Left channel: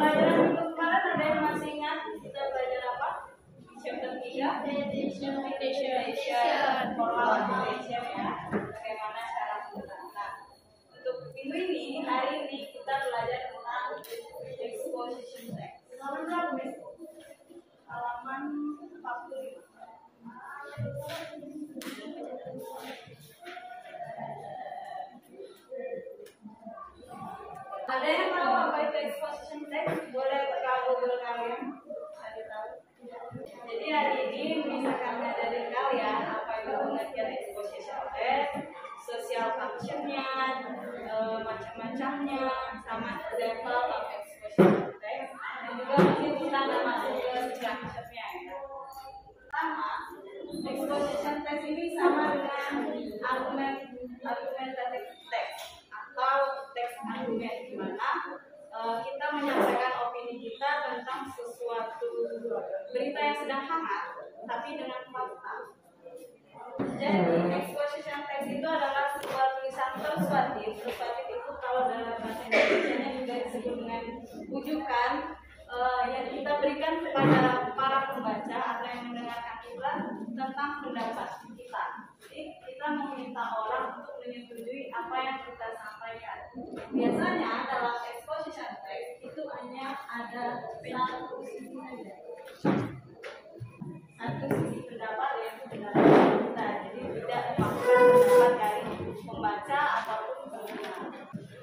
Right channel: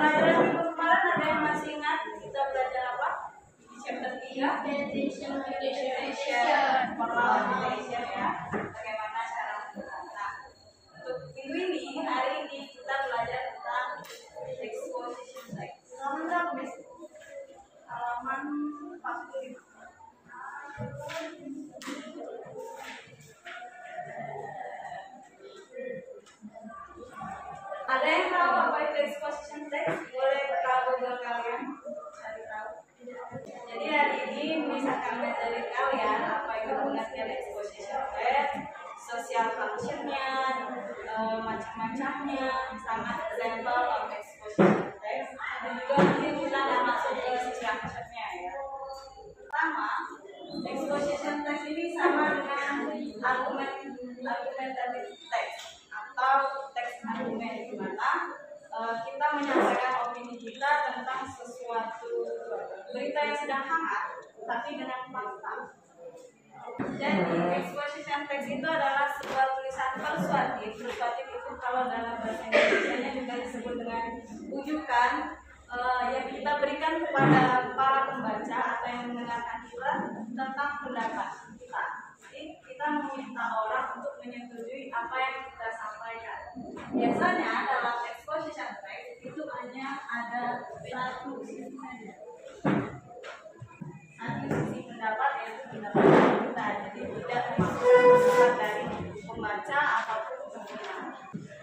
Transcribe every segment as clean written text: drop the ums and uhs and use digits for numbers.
Pelajaran minggu kemarin ada yang masih ingat kita belajar apa? Di chapter 3 meditation formal meditation ya. Bagaimana cara menggunakan. Nah, untuk minggu ini, hari ini kita belajar tentang exposition text. Halaman berapa, Miss? Halaman 45. Ada yang tahu apa itu exposition text? Boleh buka Google kalian cari tahu. Jadi hari ini Miss akan ngajarin kalian apa itu pengertian exposition text, social function-nya, macam-macamnya, sama example of exposition text, dan juga nanti kita akan masuk ke structure-nya ya. Pertama, exposition text ini sama dengan argumentative text atau teks argumen, di mana kita menyampaikan opini kita tentang sesuatu berita yang sedang hangat tapi dengan fakta. Jadi exposition text itu adalah sebuah tulisan persuasif. Persuasif itu kalau dalam bahasa Indonesia juga disebut dengan ujukan yang kita berikan kepada para pembaca atau yang mendengarkan kita tentang pendapat kita. Jadi kita meminta orang untuk menyetujui apa yang kita sampaikan. Biasanya dalam exposition text itu hanya ada satu sisi saja, satu sisi pendapat, yaitu pendapat kita. Jadi tidak termasuk pendapat dari pembaca ataupun pendengar.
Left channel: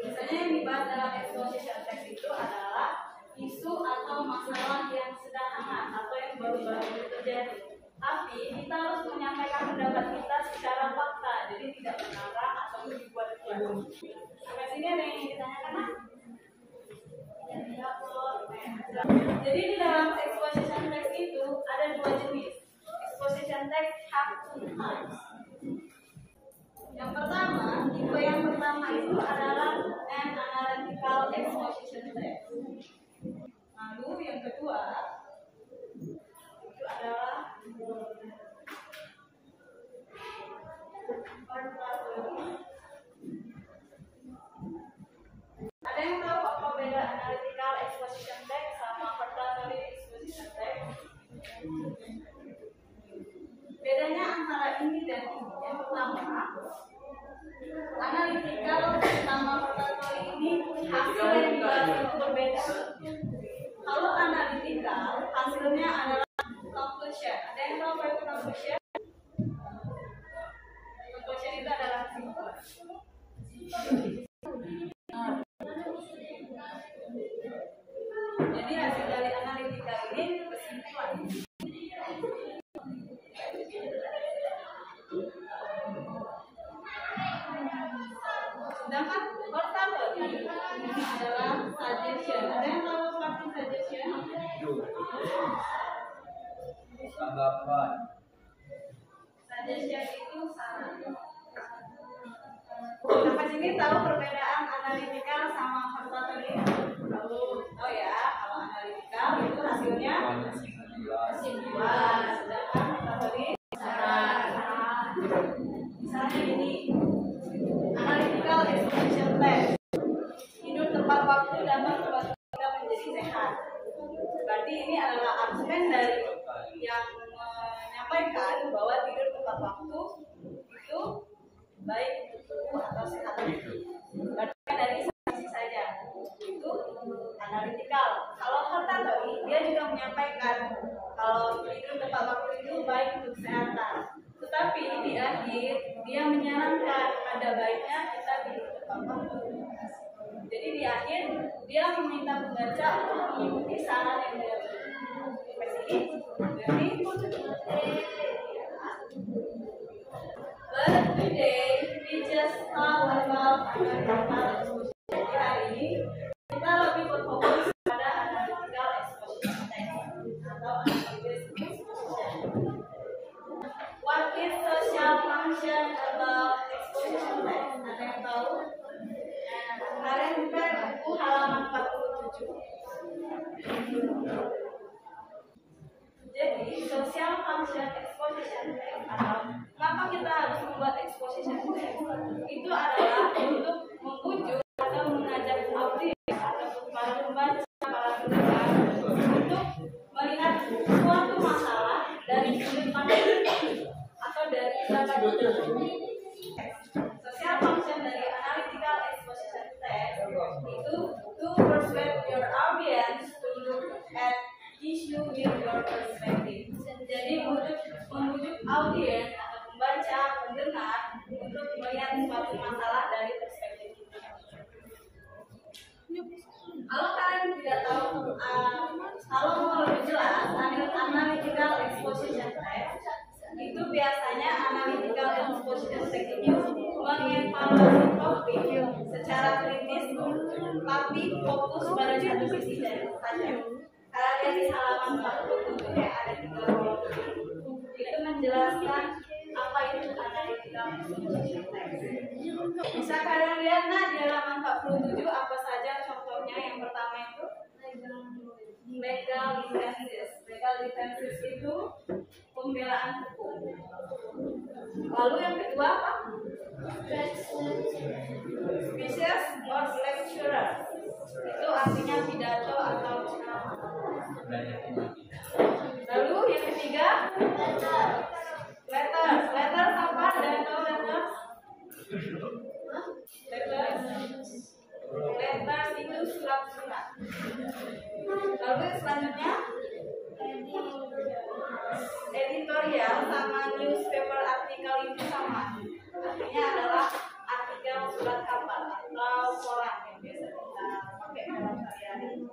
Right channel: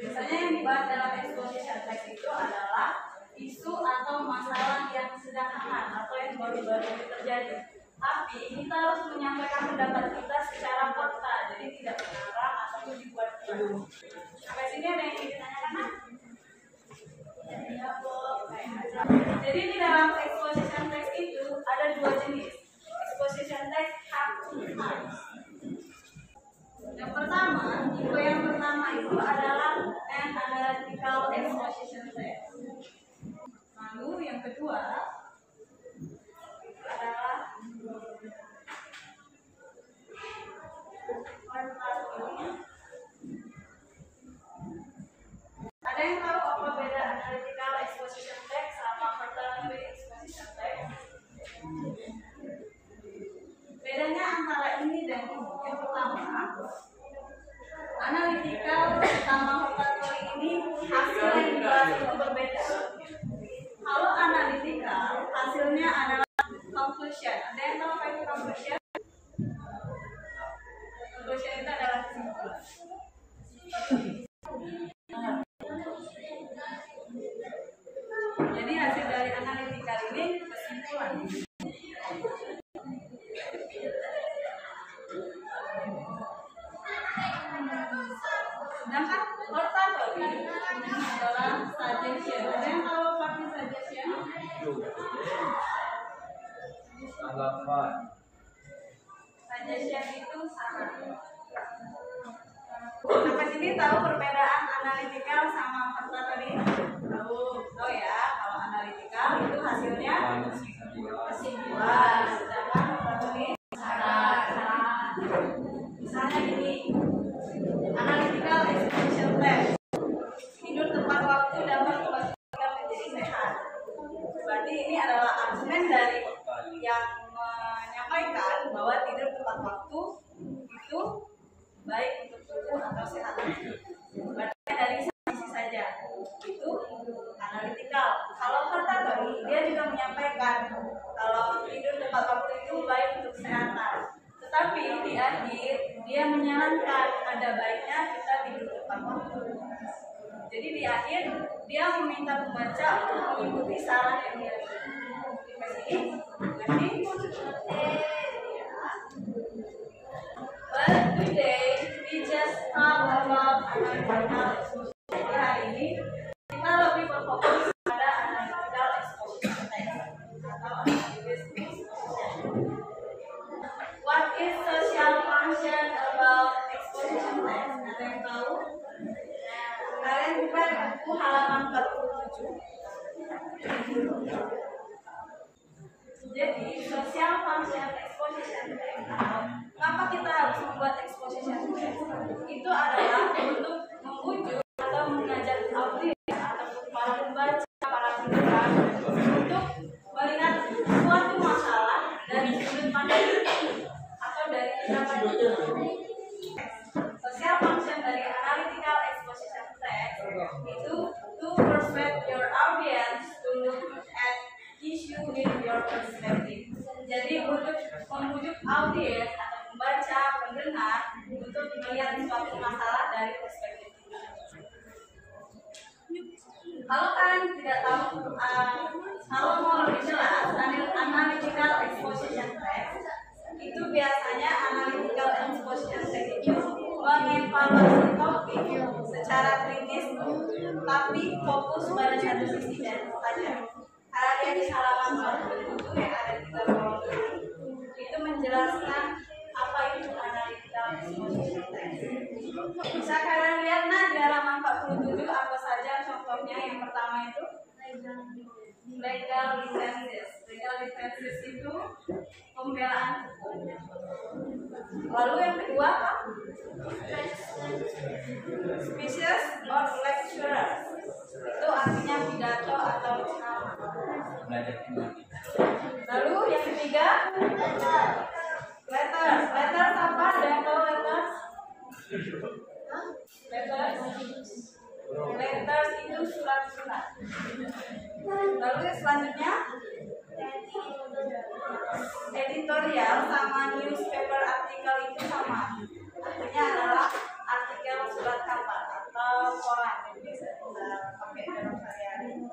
Biasanya yang dibahas dalam exposition text itu adalah isu atau masalah yang sedang hangat atau yang baru-baru terjadi. Tapi kita harus menyampaikan pendapat kita secara fakta, jadi tidak mengarang ataupun dibuat-buat. Sampai sini ada yang ingin ditanyakan? Jadi di dalam exposition text itu ada dua jenis. Exposition text have two types. Yang pertama, tipe yang pertama itu adalah an analytical exposition text. Lalu yang kedua itu adalah ada yang tahu apa beda analytical exposition text sama oratory exposition text? Bedanya antara ini dan ini. Yang pertama, analytical sama oratory ini hasil yang dibahas itu berbeda. Kalau analytical hasilnya adalah conclusion. Ada yang tahu apa itu conclusion? Conclusion itu adalah kesimpulan. Jadi hasil dari analitikal ini kesimpulan. Sedangkan oratory ini adalah suggestion. Ada yang tahu apa itu suggestion? Tanggapan. Suggestion itu saran. Sampai sini tahu perbedaan analitikal sama oratory? Tahu ya, kalau analitikal itu hasilnya kesimpulan, sedangkan oratory saran. Misalnya gini, analytical exposition text, tidur tepat waktu dapat membuat kita menjadi sehat. Berarti ini adalah argumen dari yang menyampaikan bahwa tidur tepat waktu itu baik untuk tubuh atau sehat. Berarti dari sisi saja itu analytical. Kalau oratory dia juga menyampaikan kalau tidur tepat waktu itu baik untuk kesehatan. Tetapi di akhir dia menyarankan ada baiknya kita tidur tepat waktu. Jadi di akhir dia meminta pembaca untuk mengikuti saran yang dia berikan. But today we just talk about analytical exposition. Jadi hari ini kita lebih berfokus pada analytical exposition text atau analysis exposition. What is social function about exposition text? Ada yang tahu? Kalian buka buku halaman 47. Jadi social function exposition text atau kenapa kita harus membuat exposition text? Itu adalah untuk membujuk atau mengajak audiens ataupun para pembaca, para melihat suatu masalah dari perspektif kita. Kalau kalian tidak tahu, kalau mau lebih jelas, analytical exposition text itu biasanya analytical exposition text itu mengevaluasi topik secara kritis, tapi fokus pada satu sisi saja. Kalau dia di halaman 47 yang ada di kolom itu menjelaskan apa itu analytical exposition text. Bisa kalian lihat di halaman 47 apa saja contohnya. Yang pertama itu legal defenses. Legal defenses itu pembelaan hukum. Lalu yang kedua apa? Speeches of lecturers. Itu artinya pidato atau ceramah. Lalu yang ketiga letters. Letters apa? Ada yang tahu letters? Letters itu surat-surat. Lalu yang selanjutnya editorial sama newspaper artikel itu sama. Artinya adalah artikel surat kabar atau koran yang biasa kita pakai dalam sehari-hari.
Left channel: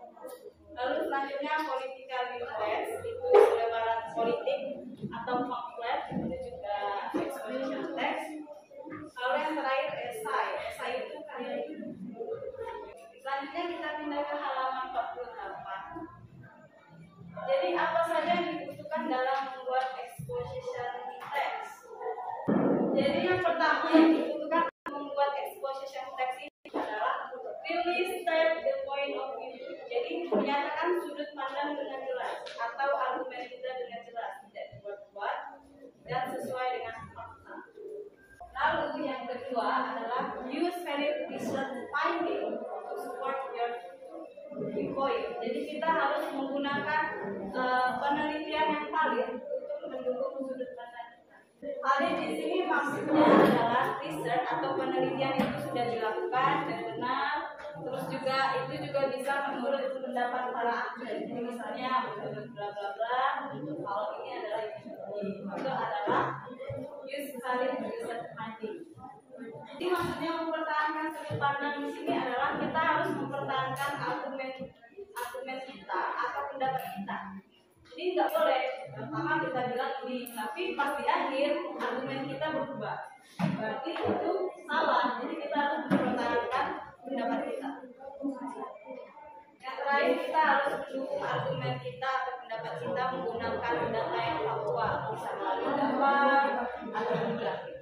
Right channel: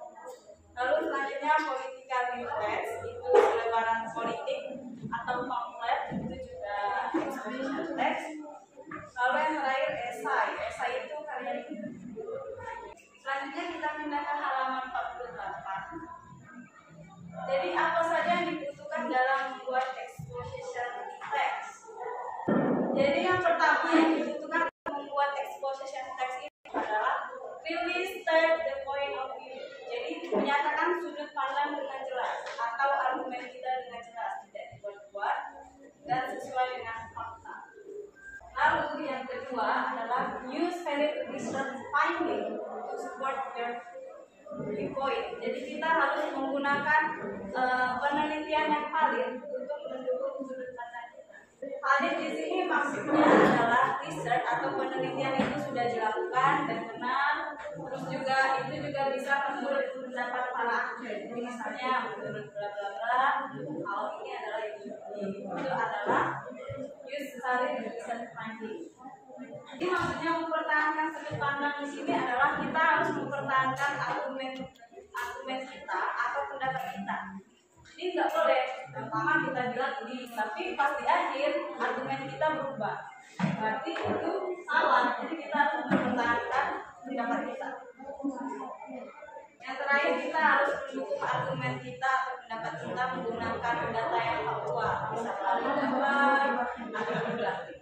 Lalu selanjutnya political leaflets itu selebaran politik atau pamflet, itu juga exposition text. Lalu yang terakhir esai. Esai itu karya hidup. Selanjutnya kita pindah ke halaman 48. Jadi apa saja yang dibutuhkan dalam membuat exposition text? Jadi yang pertama yang dibutuhkan untuk membuat exposition text ini adalah really state the point of view. Jadi menyatakan sudut pandang dengan jelas atau argumen kita dengan jelas, tidak dibuat-buat dan sesuai dengan fakta. Lalu yang kedua adalah use valid research finding to support your point. Jadi kita harus menggunakan penelitian yang valid untuk mendukung sudut pandang kita. Valid di sini maksudnya adalah research atau penelitian itu sudah dilakukan dan benar. Terus juga itu juga bisa menurut pendapat para ahli. Jadi misalnya menurut bla bla bla, kalau ini adalah itu adalah use valid research finding. Jadi maksudnya mempertahankan sudut pandang di sini adalah kita harus mempertahankan argumen kita atau pendapat kita. Jadi nggak boleh pertama kita bilang ini, tapi pas di akhir argumen kita berubah. Berarti itu salah. Jadi kita harus mempertahankan pendapat kita. Yang terakhir kita harus mendukung argumen kita atau pendapat kita menggunakan data yang faktual, bisa melalui gambar atau grafik.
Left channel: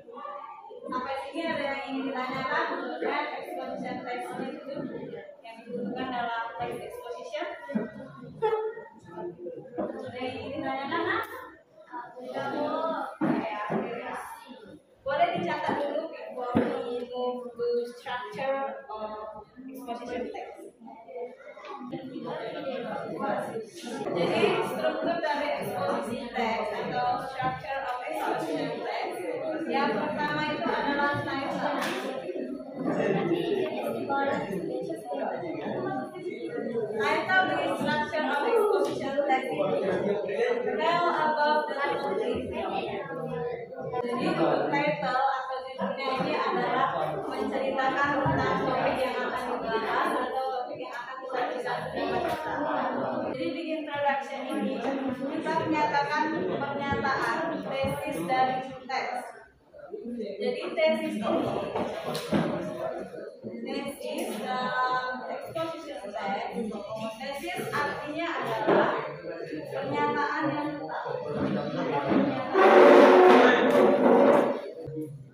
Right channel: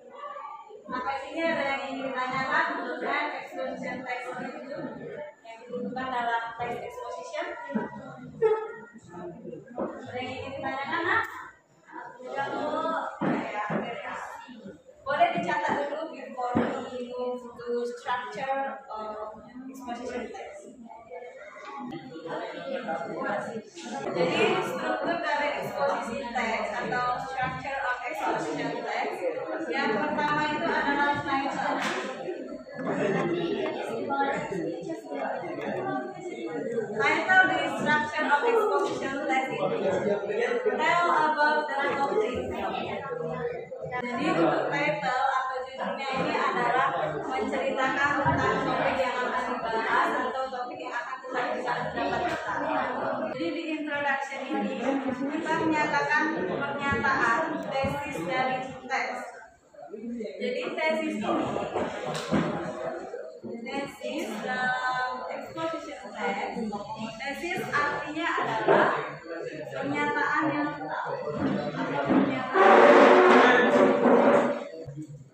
Sampai sini ada yang ingin ditanyakan dan exposition text itu yang dibutuhkan dalam text exposition. Ada yang ingin ditanyakan? Kamu ya. Boleh dicatat dulu before we move to structure of exposition text. Jadi struktur dari exposition text atau structure of exposition text yang pertama itu adalah title. Title di structure of exposition text itu tell about the topic. Jadi untuk title atau judulnya ini adalah menceritakan tentang topik yang akan dibahas atau topik yang akan kita bisa dapat. Jadi di introduction ini kita menyatakan pernyataan tesis dari teks. Jadi tesis ini tesis dalam exposition text. Tesis artinya adalah pernyataan yang tetap atau pernyataan.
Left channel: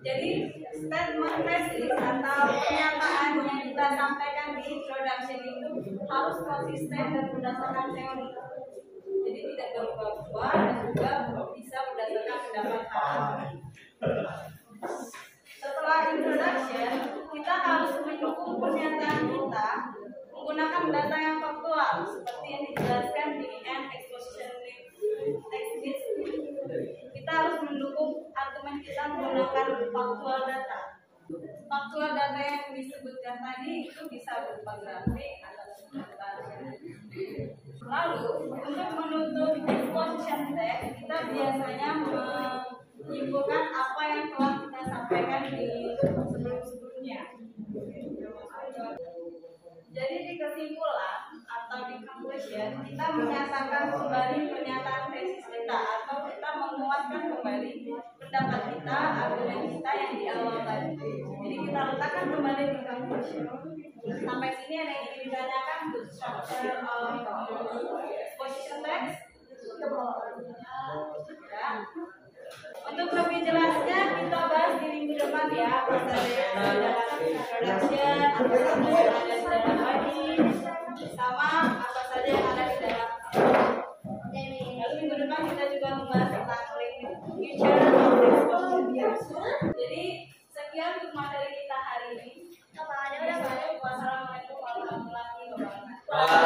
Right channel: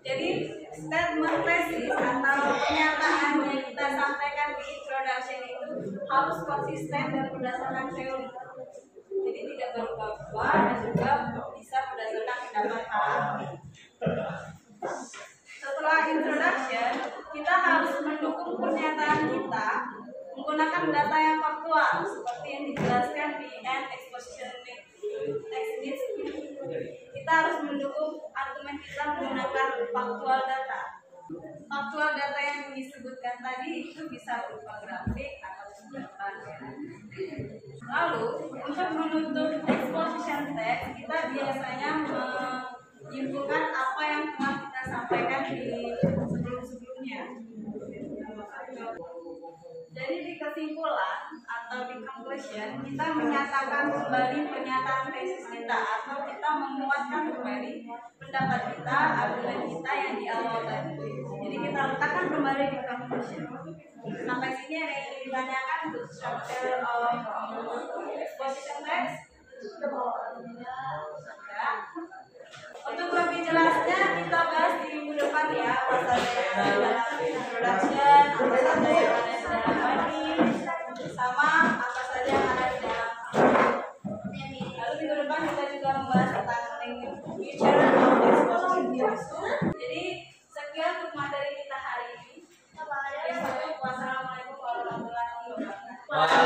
Jadi statement tesis atau pernyataan yang kita sampaikan di introduction itu harus konsisten dan berdasarkan teori. Jadi tidak berubah-ubah dan juga bisa berdasarkan pendapat para ahli. Setelah introduction, kita harus mendukung pernyataan kita menggunakan data yang faktual seperti yang dijelaskan di end exposition text list. Kita harus mendukung argumen kita menggunakan faktual data. Faktual data yang disebutkan tadi itu bisa berupa grafik atau gambar. Lalu untuk menutup exposition text, kita biasanya menyimpulkan apa yang telah kita sampaikan di sebelum-sebelumnya. Jadi di kesimpulan atau di conclusion kita menyatakan kembali pernyataan tesis kita atau kita menguatkan kembali pendapat kita, argumen kita yang di awal tadi. Jadi kita letakkan kembali di conclusion. Sampai sini ada yang ingin ditanyakan untuk structure exposition text? Ya. Untuk lebih jelasnya kita bahas di minggu depan ya, apa saja yang ada dalam introduction, apa saja yang ada di dalam body, sama apa saja yang ada di dalam summary. Lalu minggu depan kita juga membahas tentang link future of exposition theory. Jadi sekian untuk materi kita hari ini. Wassalamualaikum warahmatullahi wabarakatuh.